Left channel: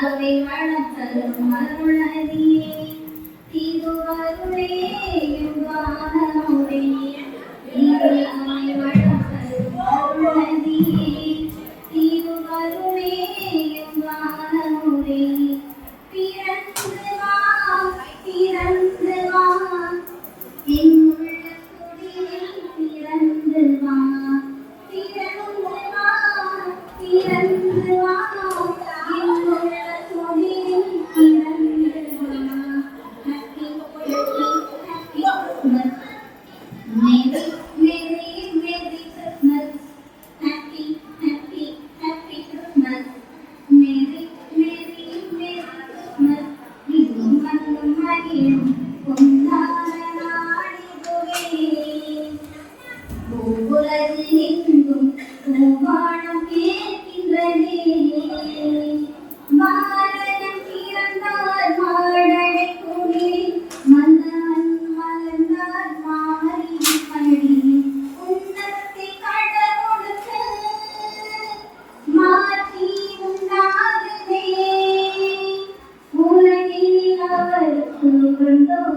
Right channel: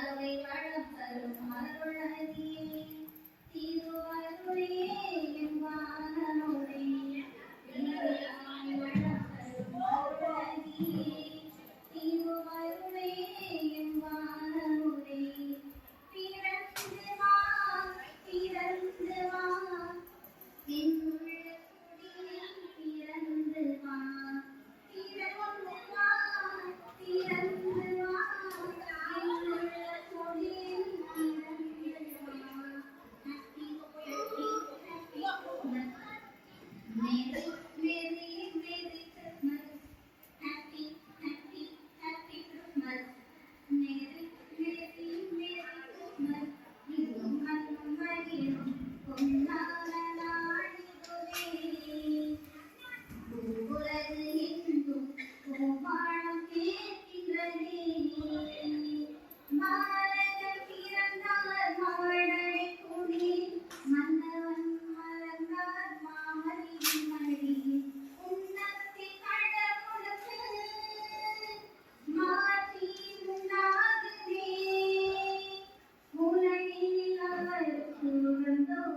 அவை வளம் தரும் அருளதியே Mm-hmm.